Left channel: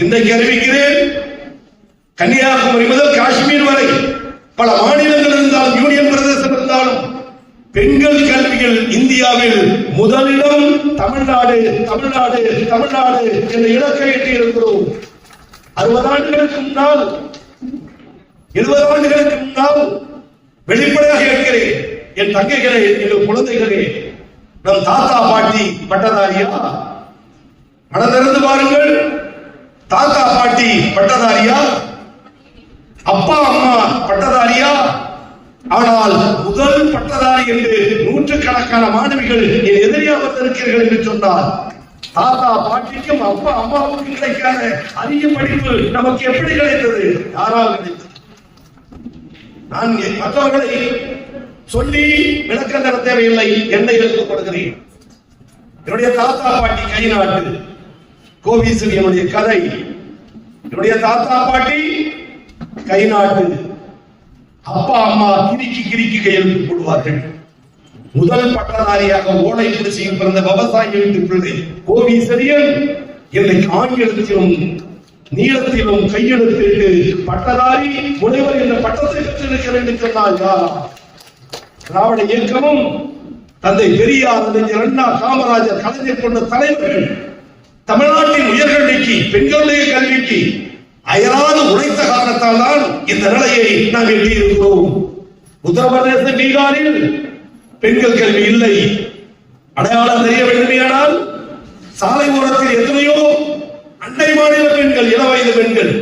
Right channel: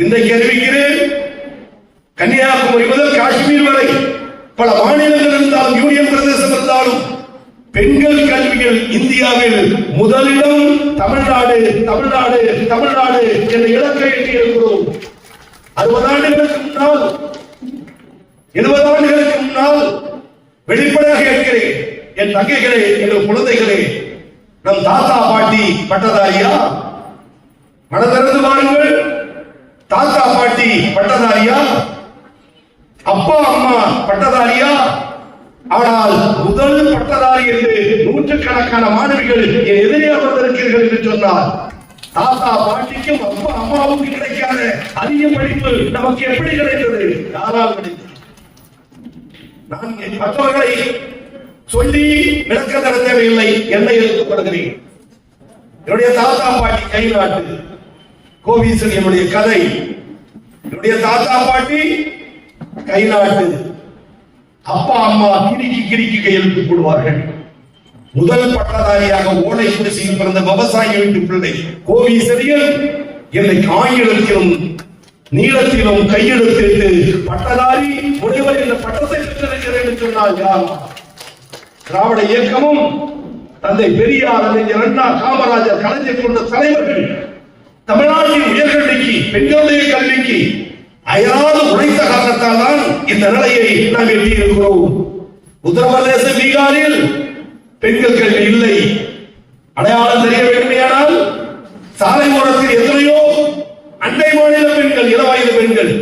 இன்றைக்கு அறிவிக்கிறேன், கன்னியாகுமரி முதல் காஷ்மீர் வரை பல மாநிலங்கள் இருந்தாலும் யூனியன் பிரதேசம் இருந்தாலும் பெண்கள் கல்வியில் இந்தியாவில் முதலிடம் தமிழ்நாடு தமிழ்நாடு தமிழ்நாடு என்ற இலக்கை எட்டியிருக்கிறோம். 60 ஆண்டுகளுக்கு முன்னால் 70 ஆண்டுகளுக்கு முன்னால் வெளிப்படையாக இருக்கிறேன், என் தங்கைகளே, எங்கள் குழந்தைகளே, நம் தாத்தா பாட்டி பட்டதாரியா? மனதிறந்து பாருங்கள். தாத்தா பாட்டி பட்டதாரியா? அப்பா அம்மா பட்டதாரியா? ஆனால் முதல் பட்டதாரி என்று நூற்றுக்கணக்கான மாணவிகள் என் எதிரியாக வந்திருக்கிறீர்கள் என்று சொன்னார். தாத்தா பாட்டிக்கும் அப்பா அம்மாவுக்கும் கிடைக்காத அதிக படிப்பு நமக்கு எப்படி கிடைத்தது? யாரால் கிடைத்தது? நான் மற்றவர்களை சொல்லி விளக்க தர தேவையில்லை, என்னை எடுத்துக்கொள்கிறேன். என்னுடைய தாத்தா பாட்டி கை நாட்டு கோவிசன் என்னுடைய கதை. என்னுடைய தாத்தா பாட்டி கை நாட்டு, அப்பா அம்மா கிரிக்கி கிரிக்கி கையெழுத்து போடுவார்கள். முதல் பட்டதாரியாக ஓலை குடிசையில் பிறந்த விவசாய வீட்டு பிள்ளை கோவிசரியன் என்னை ஆங்கிலத்திலும் நீளத்திலும் கையெழுத்திட்டு பட்டதாரி முனைவர் என்ற பட்டத்தை பெற்றிருக்கிறேன் என்று சொன்னால் யார்? திராவிட இயக்கமும் தந்தை பெரியார், அறிஞர் அண்ணா, காமராஜர், கலைஞர் போன்ற தலைவர்கள் தமிழ்நாட்டின் உயர்கல்விக்கு பெண்களுடைய கல்விக்கு அயராது உழைத்த காரணத்தால் தான் இந்த நிலையை நாம் எட்டியிருக்கிறோம். உத்தரப்பிரதேச, பீகாரில் பெண்கள் கல்வி இல்லை. அடையாளம் தெரிய வேண்டுமையானால் சாலை ஓரத்தில் எத்தனையோ அண்டை மாநில பெண்கள், இளவயது பெண்கள்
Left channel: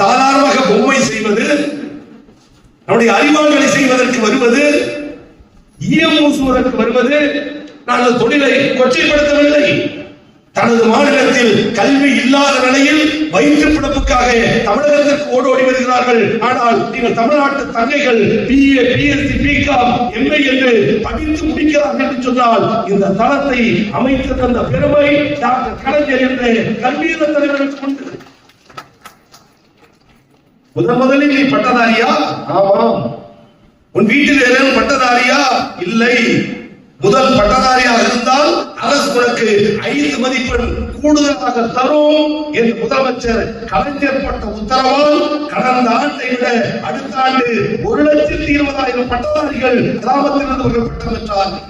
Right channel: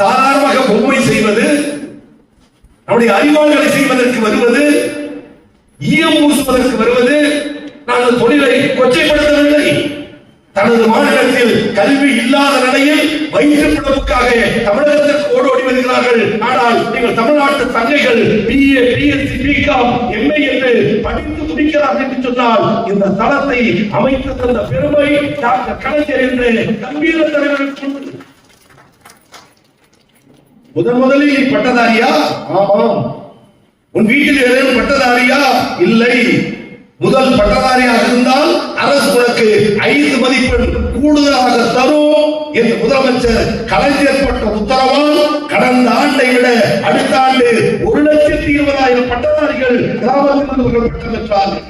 சாதாரணமாக பொம்மை செய்வது, நம்முடைய அறிவாளர்களை செய்வதற்கு வருவது, ஈயம் பூசுவதற்கு வருவது, நாங்கள் தொழிலை கொச்சைப்படுத்தவில்லை. தனது மாநிலத்தில் கல்வி இல்லாத நிலையில் வயிற்று பிழப்புக்காக தமிழகத்திற்கு ஓடி வருகிறார்கள். ஆனால் நீங்கள் தமிழ்நாட்டு தங்கைகள் BA, BSc, BCom, MA என்று படித்து முடிக்கிறார்கள் என்று சொன்னால் இந்த தளத்தை அமைத்து தந்த பெருமை டாக்டர் கலைஞர் என்ற கல்வியியல் தலைவர்களுக்கு உண்டு. முதலில் பட்டதாரியா? ஆமாம். உன் வீட்டில் ஏதேனும் பட்டதாரியா? இல்லை. முதல் பட்டதாரியாக இருந்தால் அரசு உனக்கு 5 மதிப்பெண் கூடுதலாக தரும் என்று முதலமைச்சர் கலைஞர் பட்ட உத்தரவால் கடந்த ஆண்டை விட அடுத்த ஆண்டு 1,20,000 பட்டதாரிகள் கிராமத்திலிருந்து பட்டம் பெற்றார்கள்.